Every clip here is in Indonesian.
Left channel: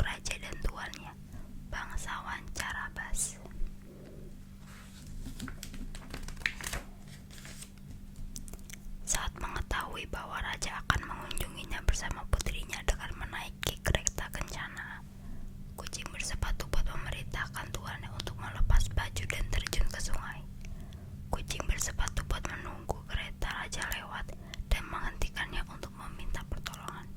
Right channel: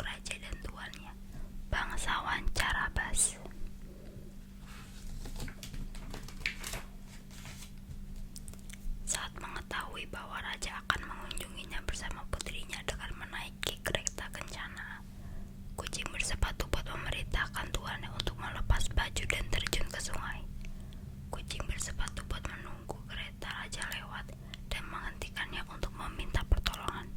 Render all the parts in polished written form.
raja dan tuannya, bangsawan Carabas. Saat mengetahui bahwa raja akan mengunjunginya bersama putrinya dengan menaiki kereta kencana, kucing bersepatu bot memerintahkan tuannya untuk melepas baju dan terjun ke sungai. Kucing bersepatu bot menunggu kereta raja lewat dan menghentikannya untuk meminta pertolongan.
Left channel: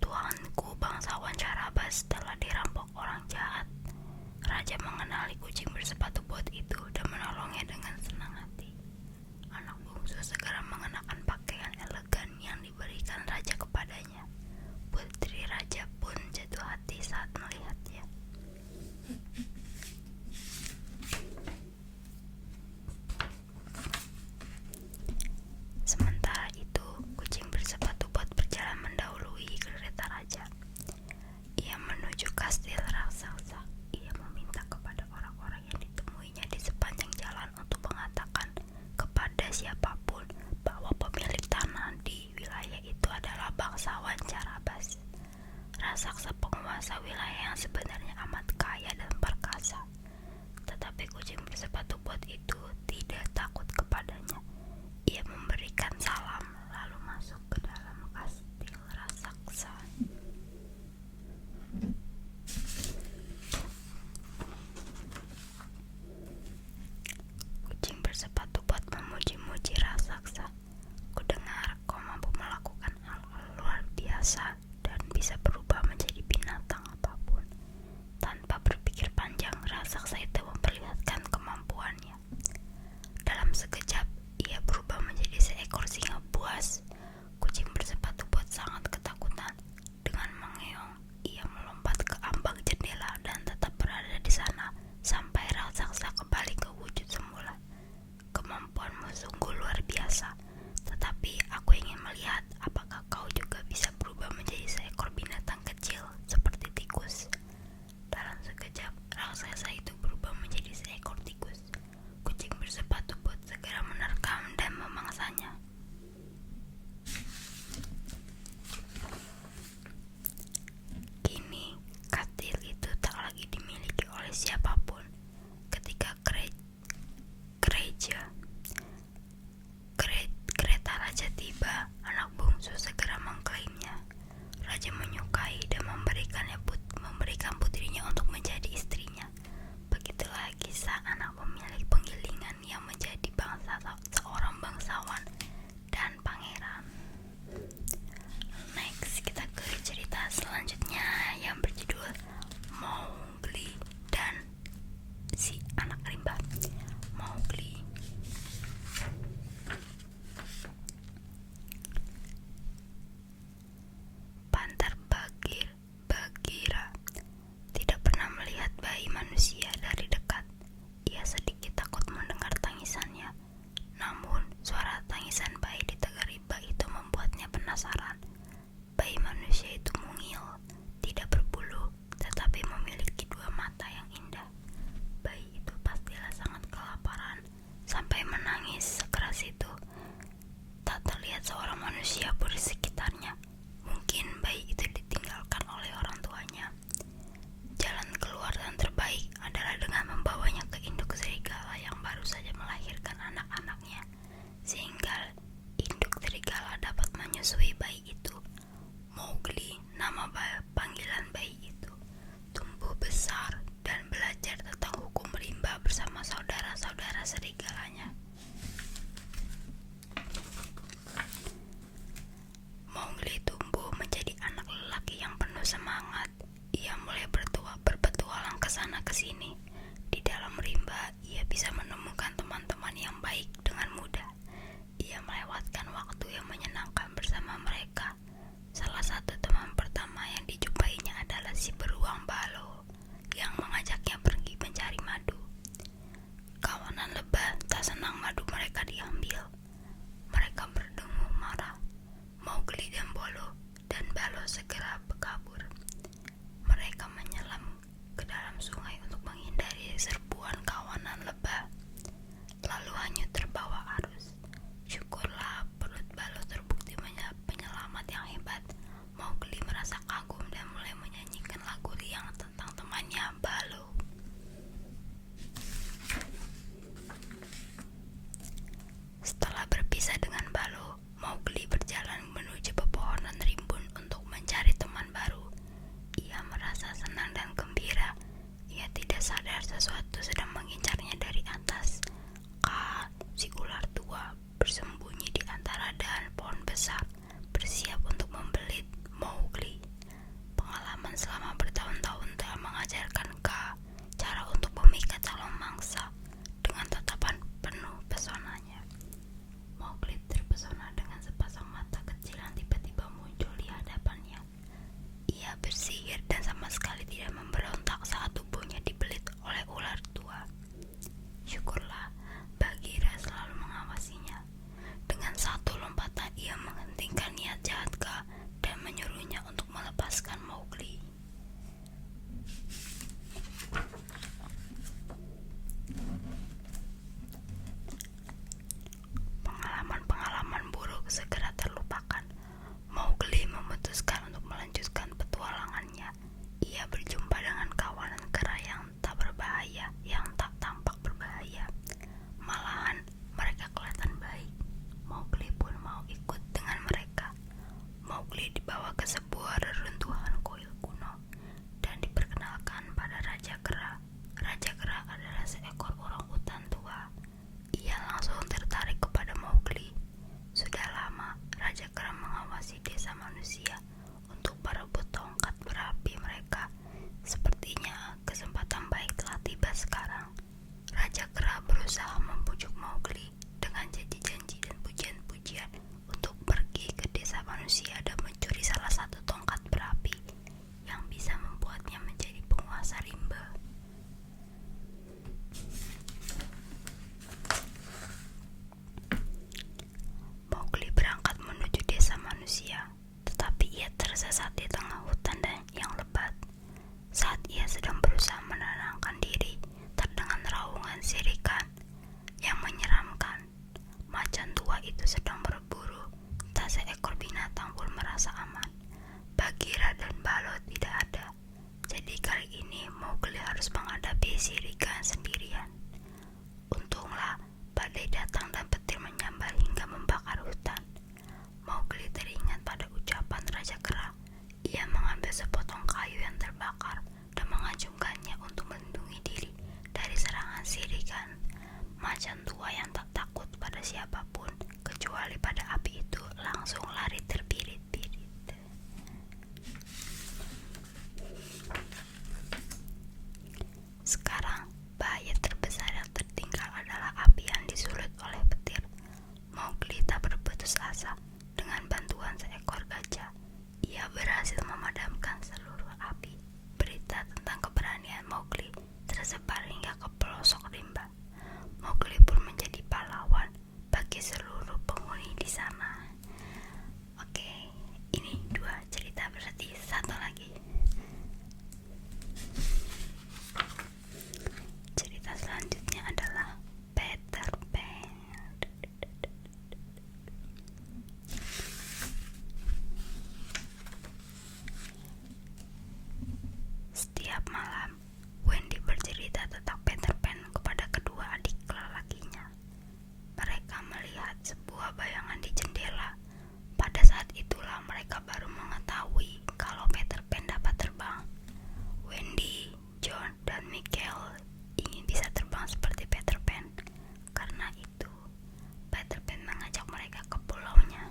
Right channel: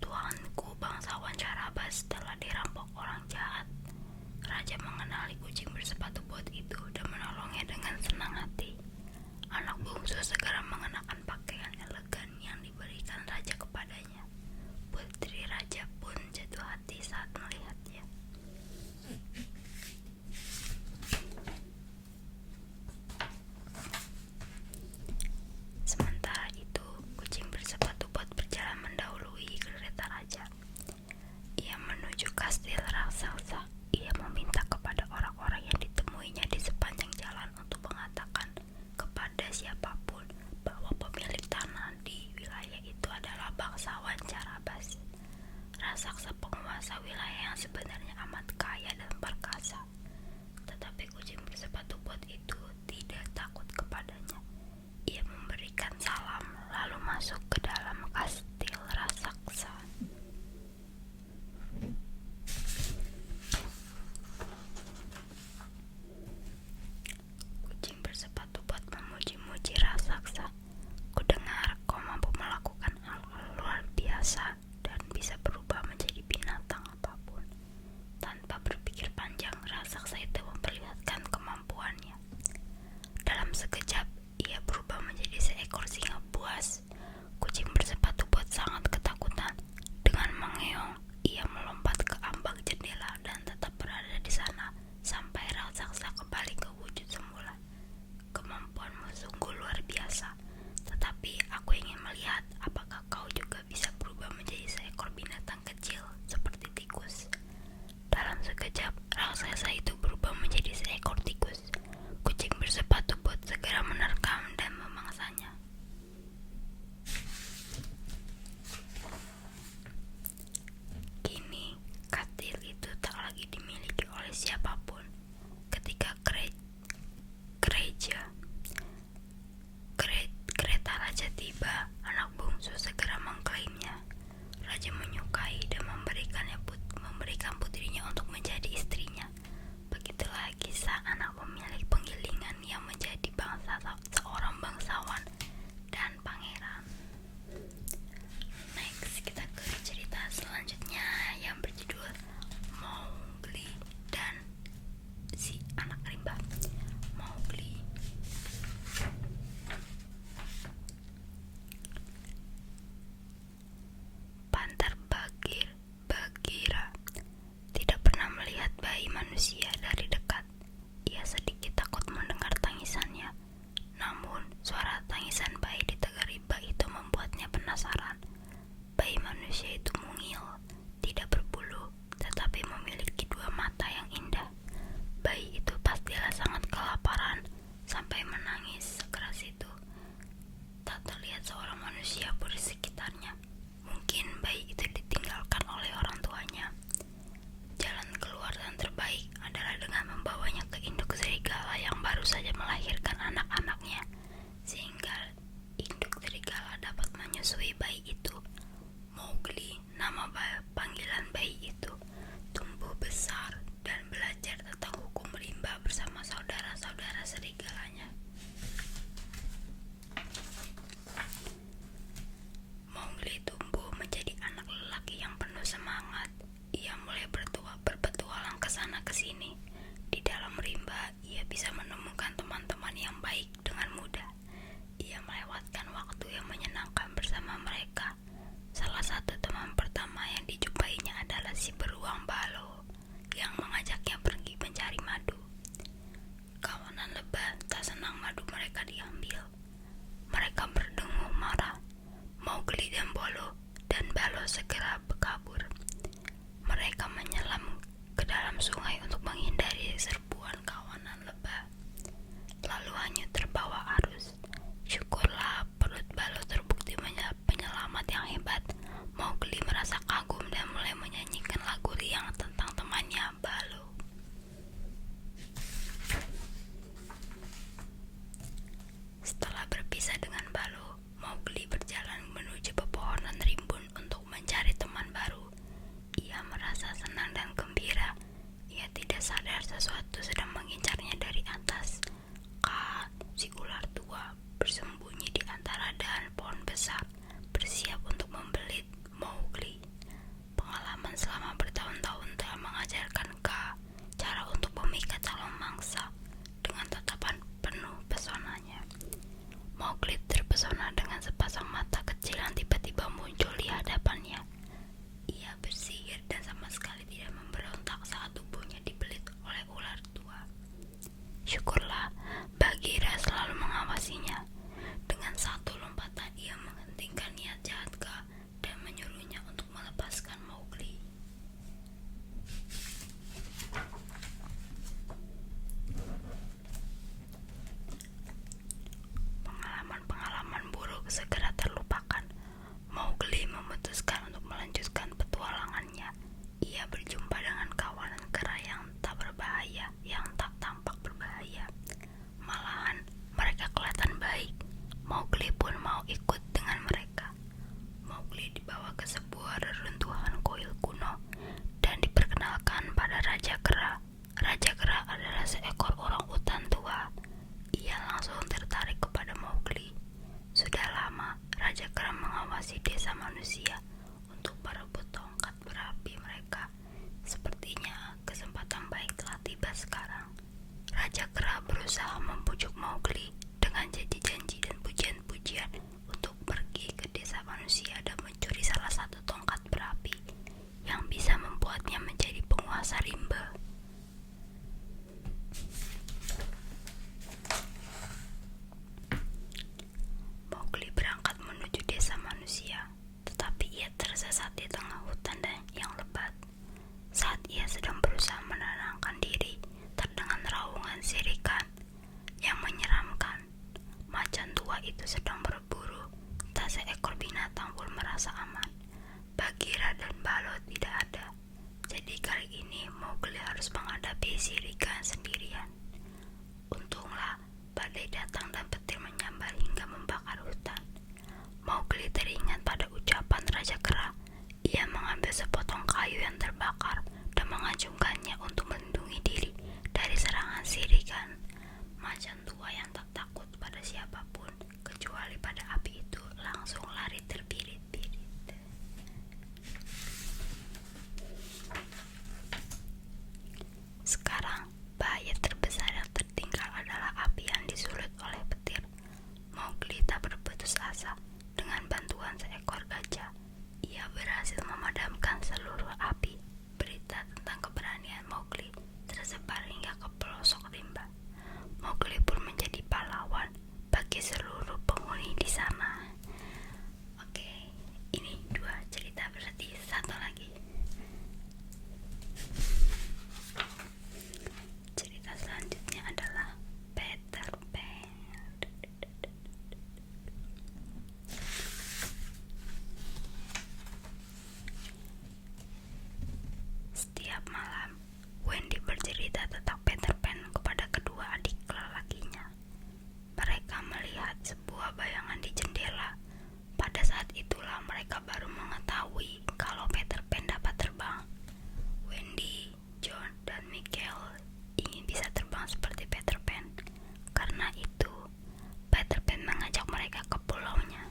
Tuanku, bangsawan Carabas telah dirampok orang jahat. Raja mengenali kucing bersepatu bot itu dan menolongnya dengan senang hati. Anak bungsu segera mengenakan pakaian elegan yang diberikan raja kepadanya. Putri raja pun jatuh hati saat melihatnya. Sementara itu, kucing bersepatu bot berjalan mendahului kereta raja. Ia menuju kastil raksasa. Ia meminta kepada orang-orang yang ditemuinya di sepanjang jalan untuk mengatakan kepada siapapun bahwa pemilik tanah di wilayah itu adalah bangsawan Carabas, raksasa penguasa wilayah yang sebenarnya amat kaya dan perkasa. Tetapi kucing bersepatu bot itu tidak takut kepadanya. Ia memberikan salam lalu masuk ke dalam kastil raksasa. Kucing bersepatu bot memuji-muji raksasa. Kudengar kau mampu melakukan hal-hal luar biasa dan bisa berubah menjadi binatang apapun. Tanpa berpikir panjang, raksasa itu memperlihatkan kemampuannya. Dalam sekejap, ia berubah menjadi seekor singa buas. Kucing bersepatu bot sangat ketakutan. Dengan mengeong, ia melompat ke ambang jendela dan tetap berada di sana sampai raksasa kembali ke wujud semula. Kemampuanmu sungguh luar biasa, tetapi aku ingin melihat apakah kau juga bisa berubah menjadi seekor binatang kecil seperti tikus. Dalam sekejap, raksasa itu berubah menjadi seekor tikus. Kucing bersepatu bot segera menerkam dan memangsanya. Kini, kastil itu tak lagi dimiliki oleh siapapun. Ketika kereta raja tiba, anak bungsu segera mengklaimnya. Raja menyukai dan memberikan putrinya untuk menjadi istrinya. Begitulah kisah anak pemilik penggilingan yang menjadi seorang bangsawan dan pangeran. Next, kita ke cerita selanjutnya yang berjudul Mowgli dan si anak rimba. Mowgli. Pantar Bagheera tidak pernah melihat bayi manusia dari dekat. Ia sedikit takut mendengar tangisannya. Namun, suara tangisan bayi di tegar rimba itu membuatnya penasaran. Bayi manusia itu mungil, tidak berbulu, tetapi memiliki dua mata yang indah. Bayi itu pastilah sangat kelaparan sampai menangis sekeras itu. Tak terlihat seorang manusia pun di sekitarnya. Mungkin bayi itu ditinggalkan oleh orang tuanya. Jalan keluar dan terbaik adalah dengan membawanya ke induk serigala yang baru saja melahirkan anak-anaknya, sehingga induk serigala dapat menyusui bayi itu. Mowgli, nama panggilan bayi itu, tumbuh besar dan belajar tentang hukum rimba bersama saudara-saudara serigalanya. Mowgli tumbuh menjadi anak lelaki yang penuh semangat. Ia mulai berpetualang ke sana ke sini. Di dalam rimba, ia bisa menemukan teman-teman yang baik dengan mudah. Ia melewatkan waktu yang menyenangkan bersama mereka. Salah satu teman pertama yang dijumpainya adalah si beruang Baloo yang mengajaknya pergi mencari madu. Kawanan lebah tak senang madu mereka diambil. Mereka berdengung marah. Mowgli dan Baloo segera kabur. Mereka menyelam ke dalam sungai untuk menghindar senang dan gembira. Ia tidak sadar sesuatu sedang mengincarnya dari atas. Si ular tua bersembunyi di antara dahan pohon besar, bersiap untuk membelit Mowgli. Pengalaman selama bertahun-tahun telah mengajarkan cara untuk memikat calon mangsa dengan tatapan penuh pesonanya. Mowgli terpesona dengan sepasang mata kecil yang tiba-tiba muncul di hadapannya. Ia bersihir dan sama sekali tidak memberontak saat tubuhnya dibelit oleh ular tua. Syukurlah, Bagheera selalu mengawasinya. Dengan satu lompatan ia menghentikan niat jahat dan menyuruhnya untuk melepaskan Mowgli. Pengalaman-pengalaman buruk segera terlupakan. Mowgli memutuskan untuk melanjutkan petualangannya. Ia berjumpa dengan kawanan kera yang tak berbahaya, yang tak tampak berbahaya. Malahan mereka kelihatan baik. Mowgli pun mau ikut dengan mereka. Mowgli dibawa ke sebuah reruntuhan kuil kuno dan diperkenalkan pada Raja Kera. Raja Kera adalah seekor orang utan tua. Ia langsung tertarik kepada Mowgli. Sudah lama Raja Kera mengawasi desa manusia untuk berebut tongkat berapi mereka. Sepertinya kesempatan baik telah tiba sekarang. Raja Kera berusaha membujuk Mowgli dengan janji-janji dan pujian-pujian untuk pergi ke desa manusia dan mencuri salah satu tongkat berapi yang bisa membuatnya menjadi penguasa rimba. Mowgli berangkat menuju desa manusia, tetapi ia tersesat di tengah hutan yang lebat. Saat ia sedang berusaha menenangkan diri, terdengar raungan sirikan yang menyeramkan. Macan tua itu sedang berburu. Tak seekor binatang pun merasa aman. Bagheera dan Baloo tidak ada. Jadi kali ini Mowgli harus menghadapi sirikan sendirian. Untunglah badai datang dan petir menyambar hingga membakar hutan. Mowgli teringat pada ucapan Raja Kera. Ia mengambil sepotong kayu yang terbakar dan mengacungkannya untuk melindungi diri dari serangan sirikan. Macan tua yang tak takut pada siapapun kecuali pada api itu langsung lari terbirit-birit. Sekarang bahaya terbesar yang tertinggal adalah api yang disulut oleh petir. Mowgli tak berputus asa. Dengan bantuan seekor gajah, ia berhasil memadamkan seluruh api. Berita tentang keberanian Mowgli tersebar hingga ke pelosok rimba. Mowgli pun menjadi pahlawan bagi seluruh penghuni di sana. Oke, ini 2 cerita, berarti satu lagi. Cerita selanjutnya adalah Peter Pan. Setiap malam, Wendy bercerita tentang Peter Pan kepada kedua adik lelakinya. Mereka melihat sebuah bayangan di jendela. Pada saat itulah mereka baru mengetahui kalau Peter Pan dapat terbang. Wendy, John, dan Michael ingin bisa terbang seperti Peter Pan. Karena itu, Peter Pan mengajak mereka ke pulaunya.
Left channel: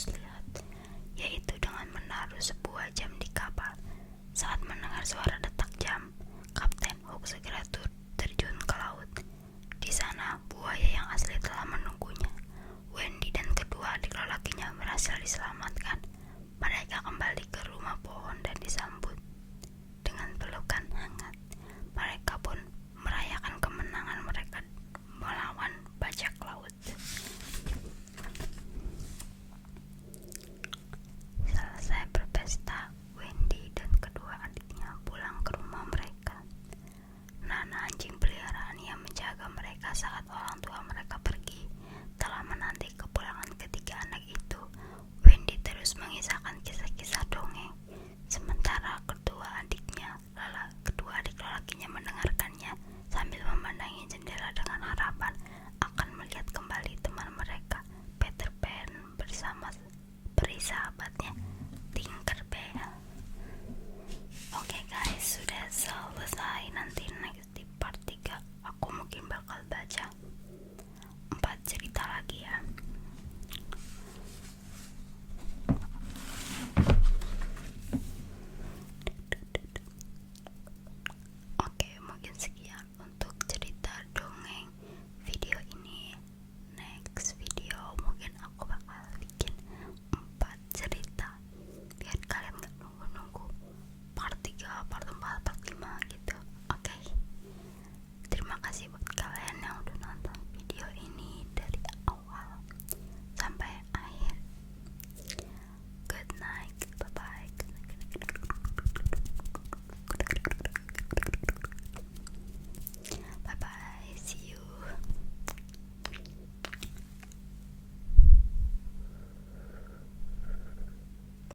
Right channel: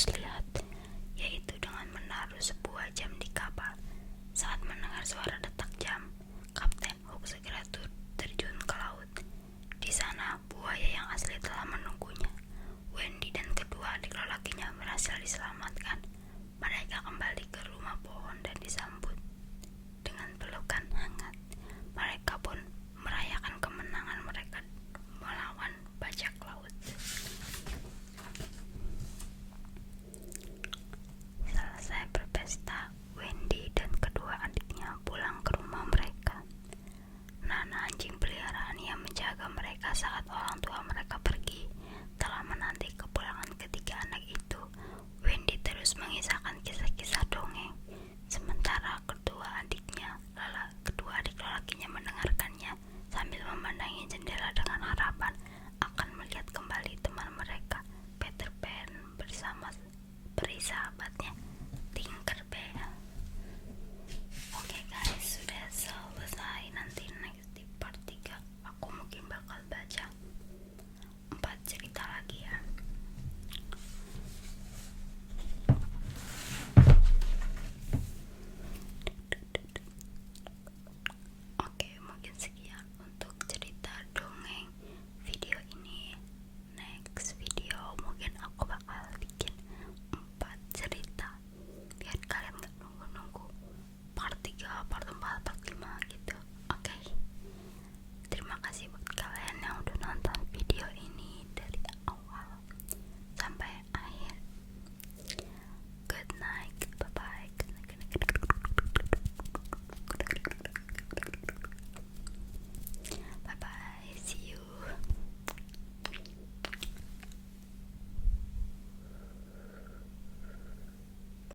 harus lihat, yaitu dengan menaruh sebuah jam di kapal. Saat mendengar suara detak jam, Kapten Hook segera terjun ke laut. Di sana, buaya yang asli telah